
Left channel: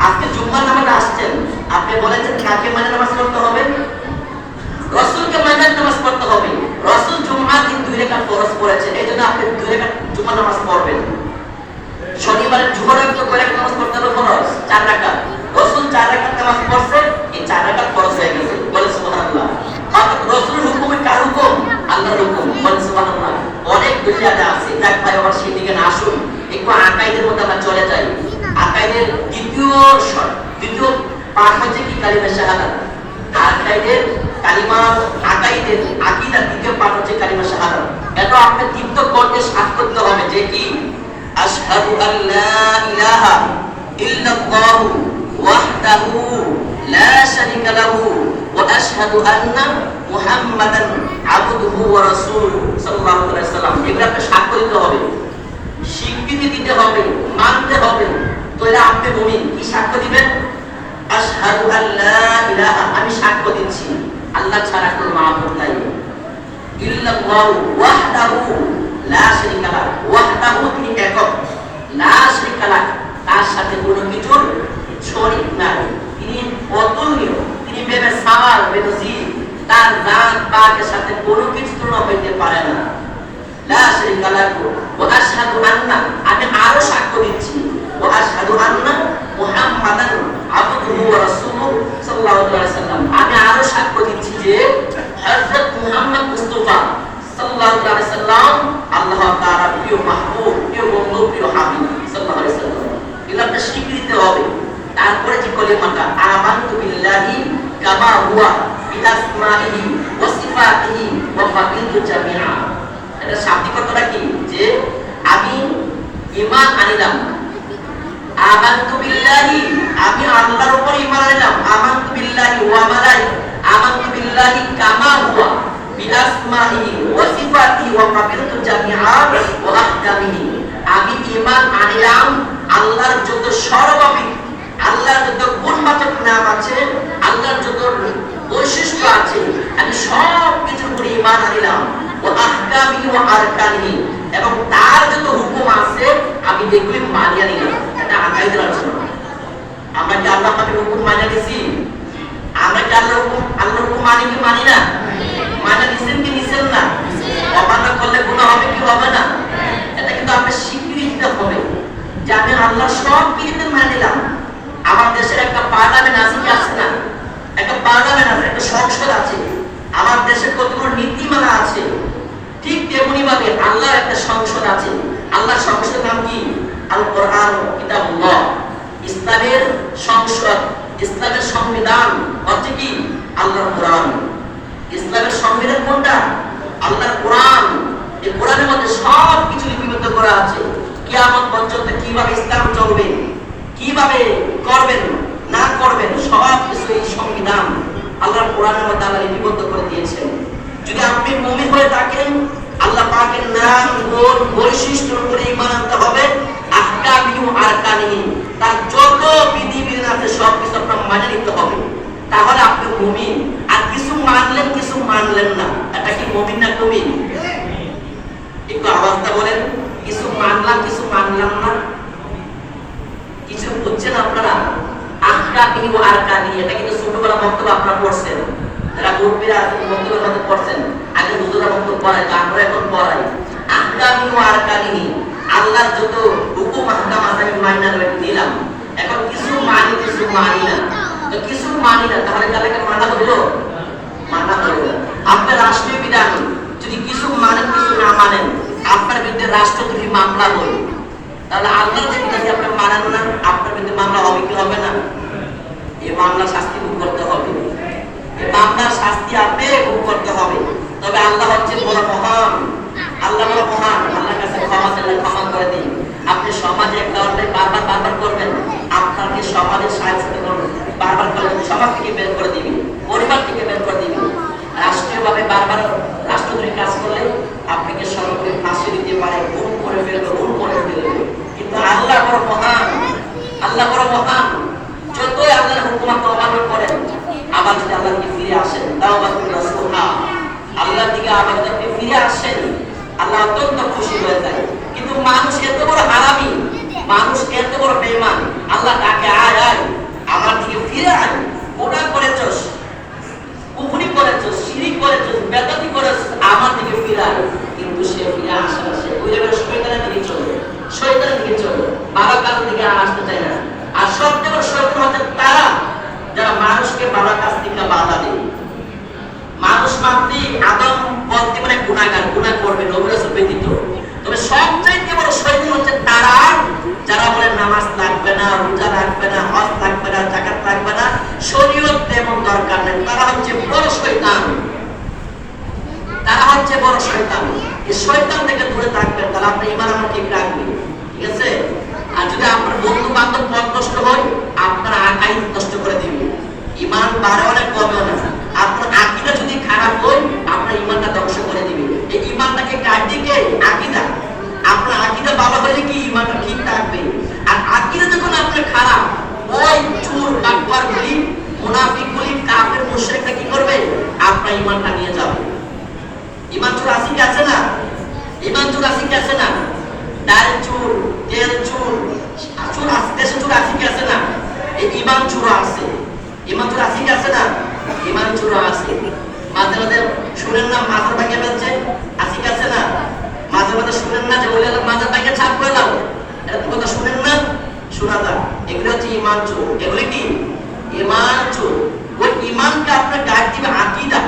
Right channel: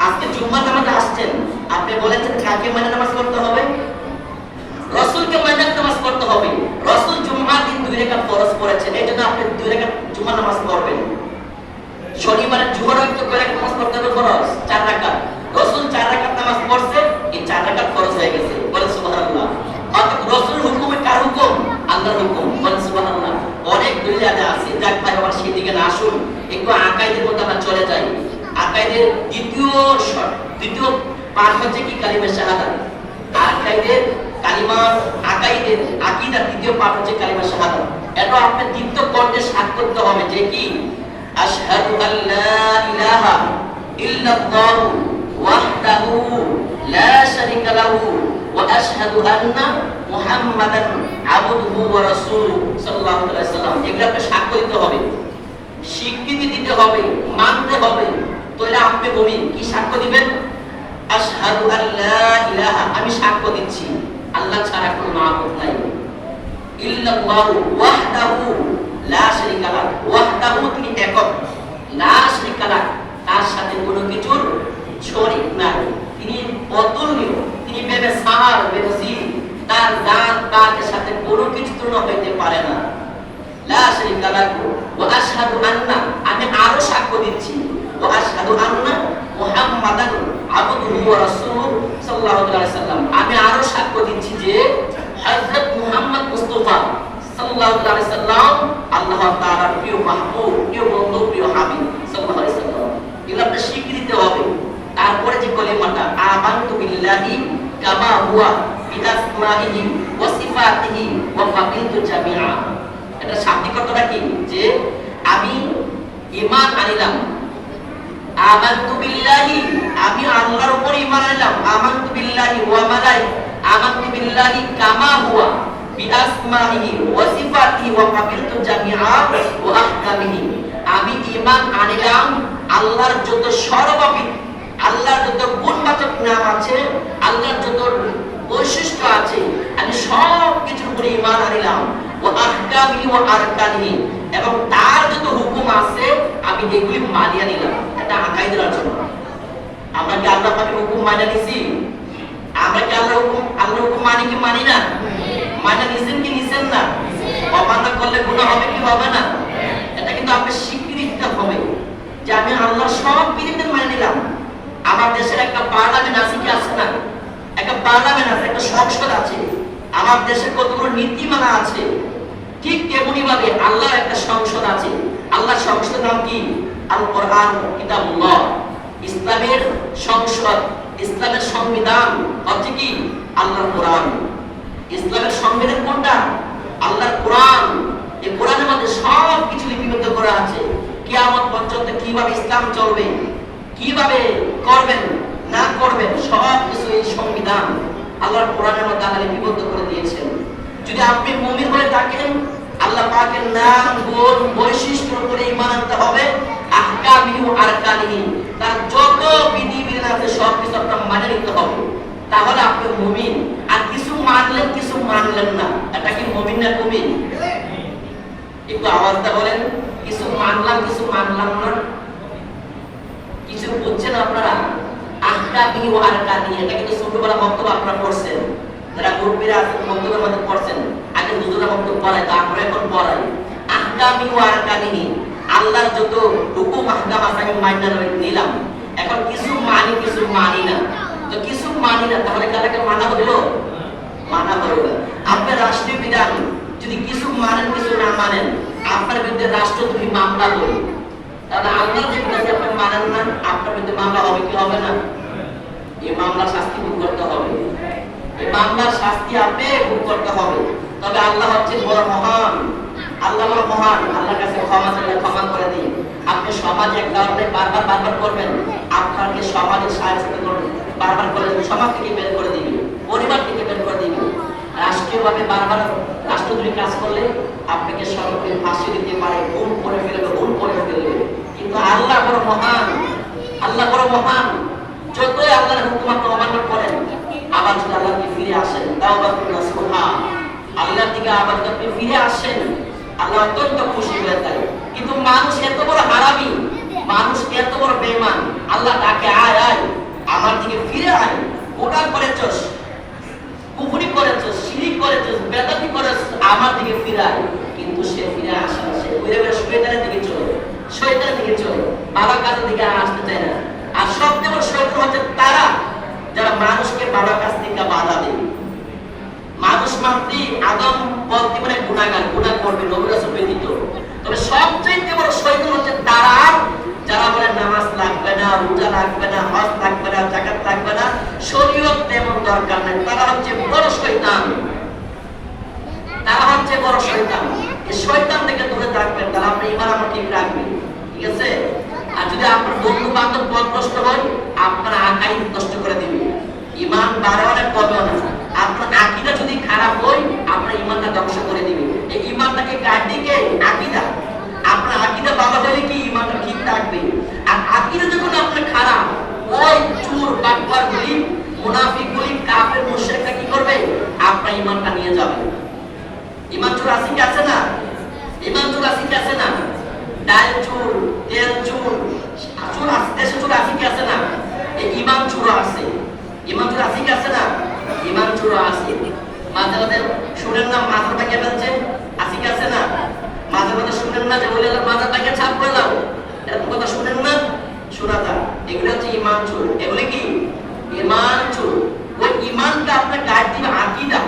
আপনি জুম্মার নামাজে আসছেন, আপনি বলেছেন কাকে মানে নামাজ পড়তে হবে? রাসূলকে মানে নামাজ পড়তে হবে। রাসূল জুমআর দিন 2 রাকাত ফরজ করেছেন, এজন্য আপনি 2 রাকাত জুমার নামাজ পড়বেন। শনিবারে জোহর একটু করে নামাজ পড়তে হবে ফরজ 4 রাকাত। রাসূল 4 রাকাত নামাজ পড়ছে, এই 4 রাকাত ফরজ হয়ে গেছে। বলে সুবহানাল্লাহ। অর্থাৎ রাসূলের হুকুমে কার হুকুম? আল্লাহর হুকুম। বলে সুবহানাল্লাহ। অনেক বুঝাতে আছে, যাক ভাই আবার সেই দিকে না আসুন, একটু আকাইদের মধ্যে আমরা চলে যাই। আকাইদের দ্বিতীয় পাঠ হচ্ছে কি? কালিমা শাহাদাত। আকাইদের কালিমা, আকাইদের আকীদার দ্বিতীয় পাঠ হচ্ছে কালিমা শাহাদাত। এটা আপনি দীপ্ত কণ্ঠে সাক্ষ্য করতে হবে যে কি আশহাদু আল্লা ইলাহা ইল্লাল্লাহু ওয়াহদাহু লা শারীকা লাহু ওয়া আশহাদু আন্না মুহাম্মাদান আবদুহু ওয়া রাসূলুহু সাল্লাল্লাহু আলাইহি ওয়াসাল্লাম। এগুলো আপনি সাক্ষ্য দিতে হবে, স্বীকৃতি দিতে হবে, মানতে হবে। তাহলে আপনি মুমিন। কি সাক্ষ্য দিবেন? আশহাদু আল্লা ইলাহা, আমি সাক্ষ্য দিচ্ছি আল্লাহ ছাড়া কোনো মাবুদ নাই। ইল্লাল্লাহু ওয়াহদাহু লা শারীকা লাহু, ওয়াহদাহু তিনি একক, লা শারীকা লাহু তার সাথে কোনো কিছুর শরীক নাই। তিনি অতুল্য, তিনি বেসামার, বেনজির, তার জাত পাকের সাথে কোনো কিছু তুলনা হইতে পারে না। লা শারীকা লাহু ওয়া আশহাদু আন্না, আমি আরো সাক্ষ্য দিচ্ছি, ওয়া আশহাদু আন্না মুহাম্মাদান আবদুহু ওয়া রাসূলুহু সাল্লাল্লাহু আলাইহি ওয়াসাল্লাম, আমি আরো সাক্ষ্য দিচ্ছি যে হযরত মুহাম্মদ মুস্তাফা সাল্লাল্লাহু আলাইহি ওয়াসাল্লাম আল্লাহ তাআলার প্রিয় মাহবুব, প্রিয় বন্ধু, প্রিয় হাবিব সাল্লাল্লাহু আলাইহি ওয়াসাল্লাম। এগুলো স্বীকৃতি দিতে হবে। তারপরে যে কলিমাটা আমানতু বিল্লাহি কামা হুয়া বিআসমাইহি ওয়া সিফাতিহি ওয়া ফাকিলতু জামিআ, এটা শাব্দিক অর্থটা কি? যে আমি ঈমান আনিলাম। আমানতু বিল্লাহি, আমি আল্লাহর উপর ঈমান আনলাম। আমানতু বিল্লাহি ওয়া আমানতু বিল্লাহি কামা হুয়া বিআসমাইহি ওয়া সিফাতিহি ওয়া কাবিলতু জামিআ ওয়া আহকামিহি, আমি ঈমান আনলাম আল্লাহর যত সর্বাধিক, আল্লাহর যত গুণবাচক নাম আছে, আল্লাহর যত বৈশিষ্ট্য আছে, আমি সব কিছুর উপরে ঈমান আনলাম। ওয়া আহকামিহি ওয়া আরকানিহি, এবং তার যত হুকুম আছে আমি এগুলি মানিয়ে নিলাম। এটা আকাইদের আলোচনা। আমরা কি আল্লাহ পাকের হুকুম মানিয়ে নিছি? আমরা কি আল্লাহর হুকুম মানি কি মানি না? মানে নিছেন কি নিছেন না? অমান্য করলে গুনাহ হবে কি হবে না? এটা কিন্তু আপনি স্বীকৃতি দিতে হবে যে আমি আল্লাহর সব বিধান মেনে নিলাম। আমার দেশের একটা পার্লামেন্ট আছে কি আছে না? একটা পার্লামেন্ট আছে, একটা সংসদ আছে। আমার দেশে কতগুলো নীতিমালা আছে। ঠিক তেমনি ভাবে আল্লাহর একটা সংসদ আছে। আল্লাহর সংসদের নাম কি? আল কোরআন কিতাবুল্লাহ। ইসলামের সংসদ, ইসলামের সংবিধান হচ্ছে কি? আল্লাহর কোরআন। ইসলামের সংবিধান কোনটা? আল্লাহর কোরআন। এই কোরআনের মধ্যে সব কিছু লিপিবদ্ধ করা আছে। কিয়ামত পর্যন্ত কিভাবে ইসলাম চলবে, কিভাবে করবেন না করবেন, সব কিছু এই সংবিধান আল্লাহর কোরআনের মধ্যে আল্লাহ লিপিবদ্ধ করে দিয়েছেন। যদি আপনি মুমিন হয়ে থাকেন আল্লাহ পাকের নাম গুণ বৈশিষ্ট্যের উপরে ঈমান আনতে হবে। আহকামিহি ওয়া আরকানিহি, তার যত বিধি বিধান আছে সব কিছু আপনার মানে নিতে হবে, তাহলে আপনি মুমিন। আর কিছু মানলেন কিছু মানলেন না, এটা কি মুমিন না মুমিন? একটু আওয়াজটা বলেন, কিছু মানলাম কিছু মানলাম না, কিছু বুঝছেন আপনারা? আহকামিহি ওয়া আরকানিহি, এটা কিন্তু ছোটবেলা বক্তব্য আপনারা পড়ছেন, যারা গ্রুপে আছেন বক্তব্যের মধ্যে পড়ছেন, আগে হুজুরা বক্তব্য পড়ায়, আমরা এখন পড়াই। আহকামিহি ওয়া আরকানিহি, আল্লাহর যত হুকুম আহকাম আছে আমি মাইনা নিলাম, এখন কিছু মানি কিছু মানি না। তো কিছু মানি না, তাহলে কালকে মানা হলো? মানা হলো। আপনার রাষ্ট্রীয় বিধান যদি কিছু মানেন কিছু না মানেন, আপনার বিরুদ্ধে রাষ্ট্রদ্রোহী মামলা হলো, তাহলে আল্লাহ যে বিধানকে আপনি মানেন না, আপনার বিরুদ্ধে মামলা হবে কি হবে না? এই মামলার শাস্তি ভোগ করতে হবে, এই মামলার শাস্তি আপনি ভোগ করতে হবে। তবে আল্লাহ হচ্ছে বড় মহান, আল্লাহ বড় মহান, আল্লাহর কাছে ক্ষমা চাইলে ক্ষমা করে দিন। আপনি সমাজে একটা অন্যায় বারবার বারবার করবেন, আপনাকে সমাজে সাহায্য করবেন, বারবার করে সমাজ থেকে বের করে দিবে, পরিবার থেকে বের করে দিবে। রাষ্ট্রীয়ভাবে বারবার রাষ্ট্রদ্রোহী কাজ করলে আপনাকে সরকারি ফাঁসি দিতে পারে, গুম করে ফেলবে, গুম করে ফেলবে। কিন্তু আল্লাহ বড় মহান, আল্লাহ বড় মহান। যতই আল্লাহর হুকুম আপনি অমান্য করেন, আবার যদি আল্লাহকে ফিরে আসেন, তাওবা করে রাসূলুল্লাহ আল্লাহর দিকে আবার যদি আপনি ফিরে আসেন, আল্লাহ অত্যন্ত খুশি হয়ে যায়। কিন্তু মানুষ এত বড় হারামি, মানুষ এত বড় বেঈমান, আল্লাহ ডাকে আয় আয় আমার দিকে ফিরে আয়, ওটা করেছস, কুফরি করেছস, শিরিক করেছস, বেদাতি করেছস, আমার দিকে ফিরে আয়। কিন্তু সে ফিরে আসে না, সে ঘুরে ঘুরে শয়তানের দিকে চলে, শয়তানের দিকে চলে, ভালো কাজের দিকে আসতে চায় না। আর সবচেয়ে বড় শয়তান হচ্ছে তারা যারা মানুষকে ভালো কাজ থেকে বাধা দেয়। মানুষ মাত্রই আদম বলতে মানে গুনাহগার, গুনাহ করবে নবী রাসূল ব্যতীত। তবে সবচেয়ে বড় শয়তান হচ্ছে তারা যারা বলে নামাজ লাগবে না, রোজা লাগবে না, হজ লাগবে না, যাকাত লাগবে না, শরীয়ত তেমন দরকার নেই, তারা হচ্ছে বড় শয়তান, তারা হচ্ছে বড় শয়তান। এই শয়তান থেকে দূরে থাকবেন, তাহলে আপনি ঈমান আমল ঠিক রাখবেন, ঠিক আছে? আর যদি আপনার বন্ধু বান্ধব পথ নষ্ট হয়, আপনার আকাইদ নষ্ট করে দিবে, ঈমান বাড়েও না কমেও না। আপনার আকীদা যদি খারাপ হয়, আপনার ঈমানটা ধ্বংস করে দিবে। এই ঈমানটাকে কাটিয়ে কে? আকীদা। আপনার আকীদা ভালো হলে কি ঈমানটা ঠিক থাকবে। আর আকীদা যখন আপনার খারাপ, ওই চোর বাটপারগুলি, মুনাফিকগুলি, কাফের মুশরিকরা কি করবে? আপনার ঈমানটা নিয়ে যাবে। ঈমান চোর আছে কি আছে না? ঈমান চোর আছে কি আছে না? ডাল চোর, তেল চোর, চোর আছে, দেশে চোর আছে কি আছে না? এই ঈমান চোর আছে, ঈমান চোর আছে কি আছে না? ঈমান চোর আছে। মাঝে মাঝে শুনেন না মাথার ভাগে ফেলছে, আছে কি আছে না? মাঝে মাঝে শুনেন না যে ওই মাথার ভাগে ছাপ করে দাও, এরকম কথা শুনেন না? শোনা দাও, এগুলো হচ্ছে ঈমান চোর। এগুলো কি? ঈমান চোর। ওই ঈমানকে আপনার গাইড দিবে আকীদা।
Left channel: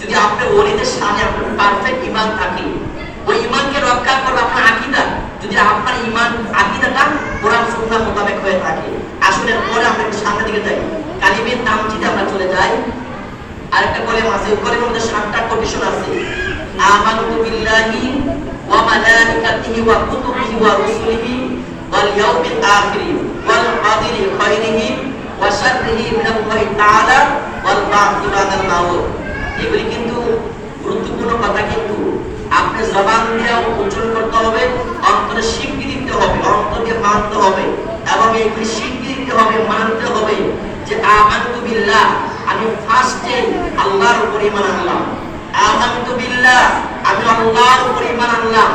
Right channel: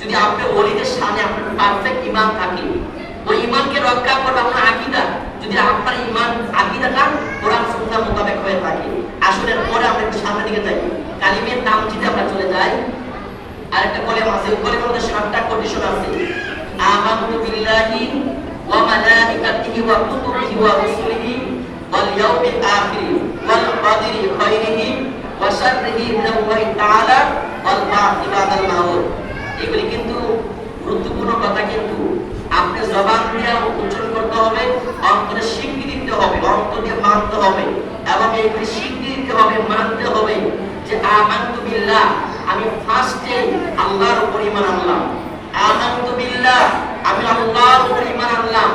যদি আপনি ওলিদের সামনে আপনার পারফেক্ট ঈমান থাকে, ওই ঈমানকে রক্ষা করবে আপনার আকীদা। যদি আপনার ঈমান আকীদাটা কোরআন সুন্নাহ মোতাবেক হয়ে থাকে। আসলে পরে আমরা একটু সামনের দিকে যাই, কালিমের তামজিদে আমরা চলে যাই। আরেকটা কলিম আছে, ওই কলিমের মধ্যে 7টা কন্ডিশন আছে। আমানতু বিল্লাহি ওয়া মালাইকাতিহি ওয়া কুতুবিহি ওয়া রুসুলিহি ওয়াল ইয়াউমিল আখির ওয়াল কদরি খাইরিহি ওয়া শাররিহি মিনাল্লাহি তাআলা ওয়াল বা'থি বাদাল মাউত। এগুলি কিন্তু গুরুত্বপূর্ণ কথা, কিন্তু আপনি জবান দিয়ে উচ্চারণ করতে হবে, অন্তরে স্বীকৃতি দিতে হবে, অন্তর দিয়ে মানতে হবে, এবং এগুলি স্বীকৃতি দিতে হবে, মানতে হবে যে আমানতু বিল্লাহ, আমি ফার্স্টে আল্লাহর উপর ঈমান আনলাম। আমানতু বিল্লাহ, আমি আল্লাহর উপর ঈমান আনলাম।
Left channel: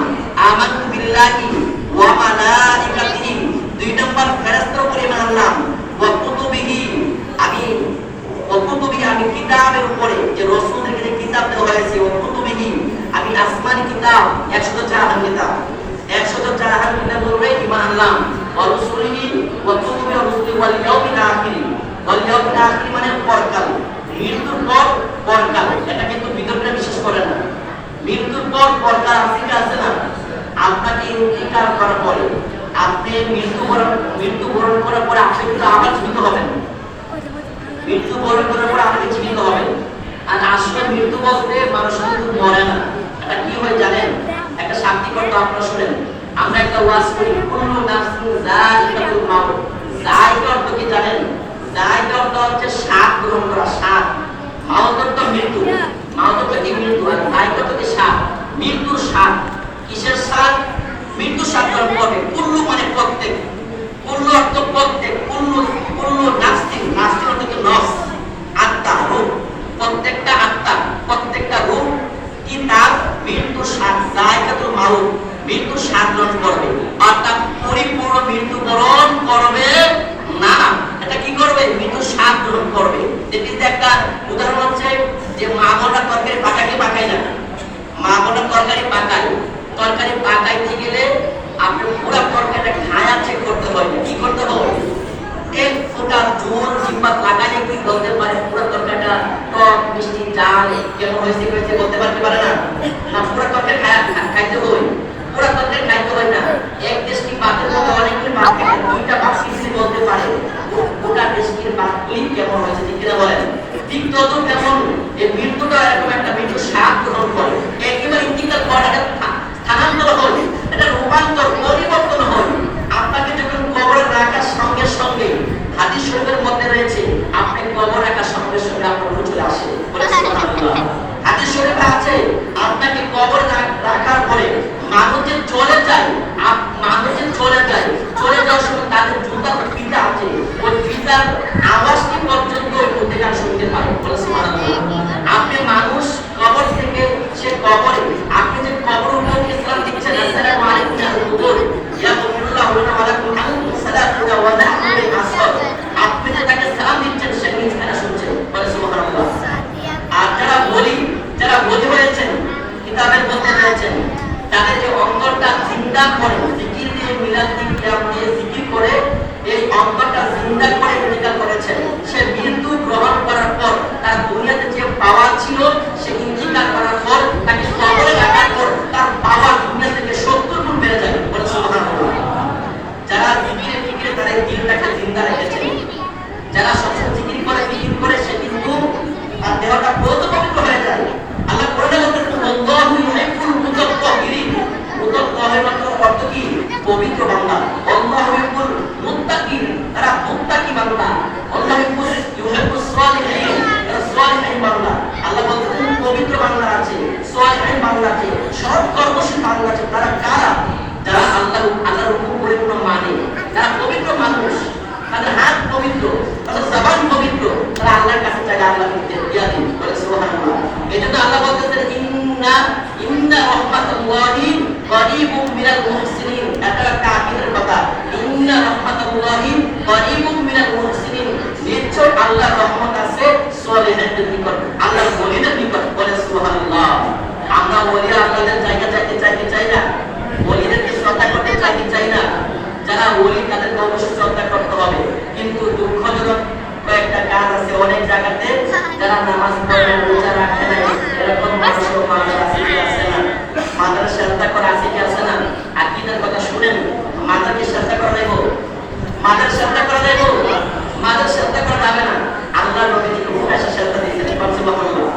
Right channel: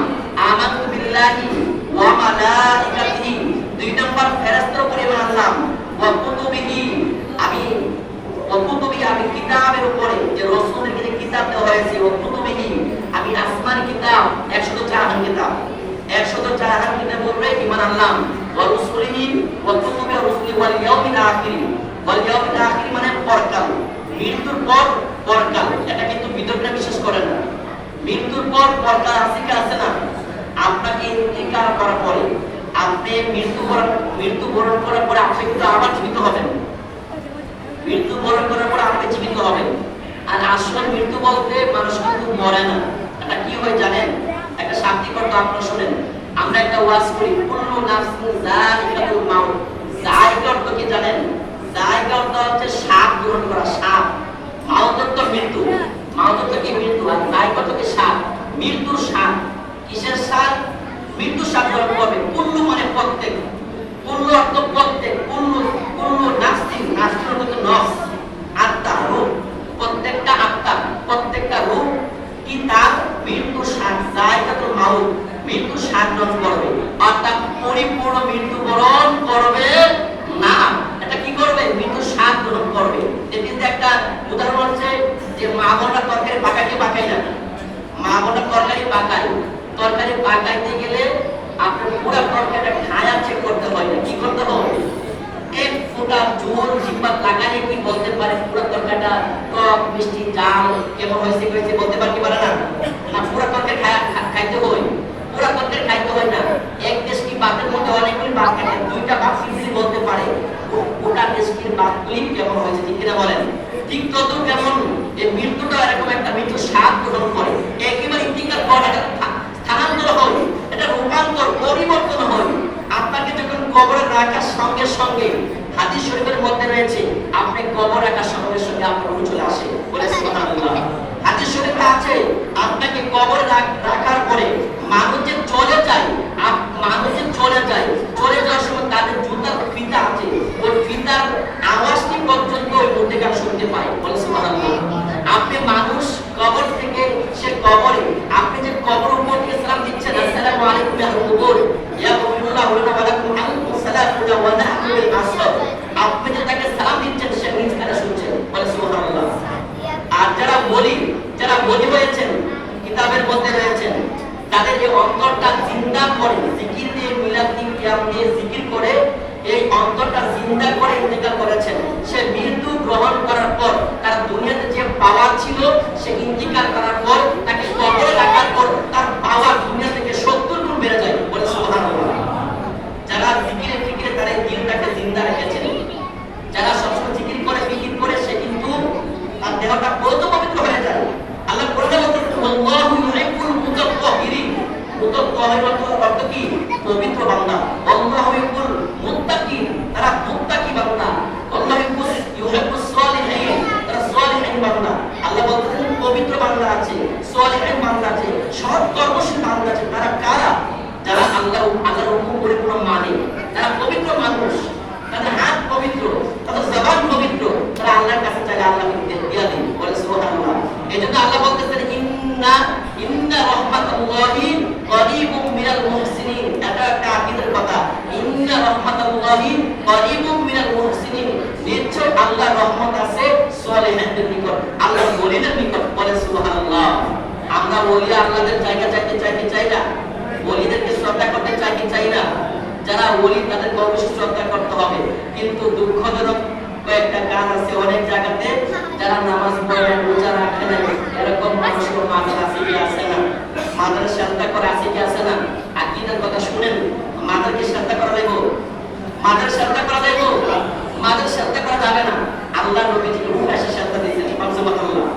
আমানতু বিল্লাহি ওয়া মালাইকাতিহি, 2 নম্বর ফেরেশতার উপর ঈমান আনলাম। ওয়া কুতুবিহি, আমি আমি কিতাবের উপরে যে রাসূলকে যে কিতাব দেওয়া হয়েছে, ওয়া কুতুবিহি, আমি আসমানি কিতাব 104 কিতাব, 104 কিতাবের উপরে ঈমান আনলাম। ওয়া রুসুলিহি ওয়া কুতুবি রুসুলি ওয়াল ইয়াউমিল আখির, ওয়াল ইয়াউমিল আখির মানে পরকাল, মৃত্যুর পর পরকাল। এটা কিন্তু বিতর্কে বিশেষ করে না, মৃত্যুর পর পরকাল আছে কি আছে না? আপনাকে ইন্তিকাল করার পরে, আপনি মৃত্যুবরণ করার পরে আপনি কিন্তু আবার জীবিত হবেন, মৃত্যুবরণ করার পরে আপনি জীবিত হবেন। আর আসলে মৃত্যু বলতে মানুষ কিন্তু মরে না, এটা কি হয় জানেন? একটা শান্তি কথা আপনারা শুনেন, আমরা একটা ওয়াজ করি, কুল্লু নাফসিন যায়িকাতুল মাউত। যায়িকা অর্থ কি জানেন? যায়িকা অর্থ হচ্ছে স্বাদ গ্রহণ করা, স্বাদ। মাউত অর্থ মৃত্যু, মাউত অর্থ কি? মৃত্যু। আর যায়িকা অর্থ কি? স্বাদ। মৃত্যুর স্বাদ। কিসের স্বাদ? মৃত্যুর স্বাদ গ্রহণ করবে। কুল্লু মানে প্রত্যেক, কুল্লু অর্থ প্রত্যেক, কুল্লু কুল্লু নাস্তিক, নাস্তিক অর্থ নফস, আত্মা, রূপ, প্রত্যেকটা আত্মা, প্রত্যেকটা রূপ কি তার মৃত্যুর স্বাদ, জায়গাতুল মাউত, মৃত্যুর স্বাদ গ্রহণ করবে। অর্থাৎ পরিপূর্ণ মৃত্যুবরণ করবে না, এটা কি করবে? মৃত্যুর স্বাদ গ্রহণ করবে। এটিতে একটা উদাহরণ হচ্ছে যে মা বোনরা তরকারি পাকাইতে পাকায় না, মা বোনরা তরকারি পাকায়, তরকারি পাকাইতে গেলে আপনি পুরো তরকারিটা খায়া চেক করতে হয়, কি করতে হবে? এক ফোঁটা জল জিহ্বা লাগালে কি বলতে পারে পুরো তরকারিটা টক মিষ্টি ঝাল কেমন হয়েছে হয়েছে বলতে পারতে পারে না? না, পুরো তরকারি খাইতে হয়, পুরো তরকারি খাইতে হয় না। এক দেশকি ভাতের মধ্যে অনেকগুলি ভাত খায়, দুইটা ভাত সিদ্ধি বলতে পারে গোটা দেশকির ভাতগুলি কেমন হয়েছে, ঠিক কিনা বলেন? ঠিক তত কেমন এই মৃত্যুটা এরকম একটা মৃত্যু স্বাদ গ্রহণ করে, একেবারে ইন্তিকাল করে, স্থানান্তর হয়, এটা রূপান্তর পরিবর্তন হয়। আপনাকে যখন কবরে রাখার সঙ্গে সঙ্গে হাদিস শরীফের মধ্যে রয়েছে আপনি কবর রাখার সঙ্গে সঙ্গে আপনার রূহ চলে আসে, বলে সুবহানাল্লাহ। হাদিস শরীফে আছে আপনাকে কবর রাখার পরে মানুষ যে চলে যায়, মানুষ যে চলে যায়, চলে যাওয়ার সময় তাদের জুতার ফিতা আছে, ওই ফিতার আওয়াজটি পর্যন্ত ওই মুদ্রিকার শুনতে পায়, বলে সুবহানাল্লাহ। আপনি মানুষ কবর থেকে সে কবরে, আপনি যে কবর উপর ইসলাম দিচ্ছেন, আসসালামু আলাইকুম ইয়া কুবুর ইয়া কুবুরুল্লাহ ওয়া আলাইকুম আসসালাম ওয়া নাহনুল আসর, আপনি যে তাকে সালাম দিচ্ছেন সে নিজ কানে শুনছে, বলে সুবহানাল্লাহ। আর যারা বলি হয়েছেন, কিতাবের মধ্যে রয়েছেন, তাদের যে অন্তরটা জিন্দা করে জিকির দিয়ে, মিলাদ দিয়ে, কিয়াম দিয়ে জিকির করে, এই অন্তরটা জিন্দা করে ইন্তিকাল করেছেন। সে মৃত্যু গ্রহণ করার পর তার দুনিয়াতে যে পাওয়ার ছিল, সে ইন্তিকাল করার পর তাকে কবরে রাখার পর তার পাওয়ার দুনিয়া থেকে 70 গুণ বেড়ে যায়, বলে সুবহানাল্লাহ। যারা জিকিরে ফিকিরে তারা দিলটাকে জিন্দা রেখেছেন, যারা সবসময় জিকির করে সে কিন্তু তার দেহটা পবিত্র হয়ে যায়। আল্লাহ কোরআনে বলতেছেন আল্লাহু ইউহিব্বুল মুতাত্তাহিরিন, মুতাত্তাহির অর্থ কি? পবিত্র বান্দা। আল্লাহু ইউহিব্বুল মুত্তাকিন, তারা মুত্তাকি বান্দা। আল্লাহু ইউহিব্বুস সালিহিন, তারা সালিহিন বান্দা। আল্লাহ বলতেছেন পবিত্র বান্দা আছে, সালিহিন বান্দা আছে, সৎ কর্মশীল বান্দা আছে। তারা কারা? যারা আল্লাহর হুকুম পরিপূর্ণ মানে, যারা পবিত্র মানুষ, তাদের হাত পবিত্র, তাদের জবান পবিত্র, তারা আল্লাহর কাছে চাইলে আল্লাহ দিয়া দেন, বলে সুবহানাল্লাহ। এজন্য আল্লাহ বলতেছেন ইন্না রাহমাতুল্লাহি করিবুম মিনাল মুহসিনিন, এটা একটা আকীদার কথা। ইন্না রাহমাতুল্লাহি করিবুম মিনাল মুহসিনিন, নিশ্চয় আল্লাহর রহমত আছে সলিহদের নিকট, আল্লাহর ওলিদের নিকট, বলে সুবহানাল্লাহ। আমরা ওলি আপনাদের জায়গা চাইতে চাই না, ওলিদেরকে শ্রদ্ধা করতে চাই না। যারা ওলি তাদেরকে অবশ্যই শ্রদ্ধা করতে হবে, কিন্তু দুঃখজনক কয়েকটা কাজ আছে অনেক জায়গাতে, যারা নামাজ পড়ে রোজা রাখে না, এরকম মানুষ আছে কি আছে না? মাদার শ্রদ্ধা করা আছে কি আছে না? আকীদার কথা শুনেন, মাদারকে শ্রদ্ধা করা যাবে, মাদার শ্রদ্ধা করা যাবে, মাদার শ্রদ্ধা করা যাবে না। আল্লাহ নবীকে উট এসে শ্রদ্ধা দিচ্ছেন, সুবহানাল্লাহ।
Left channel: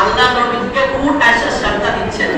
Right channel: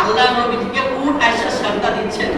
আল্লাহ নবীকে উট এসে শ্রদ্ধা দিচ্ছেন।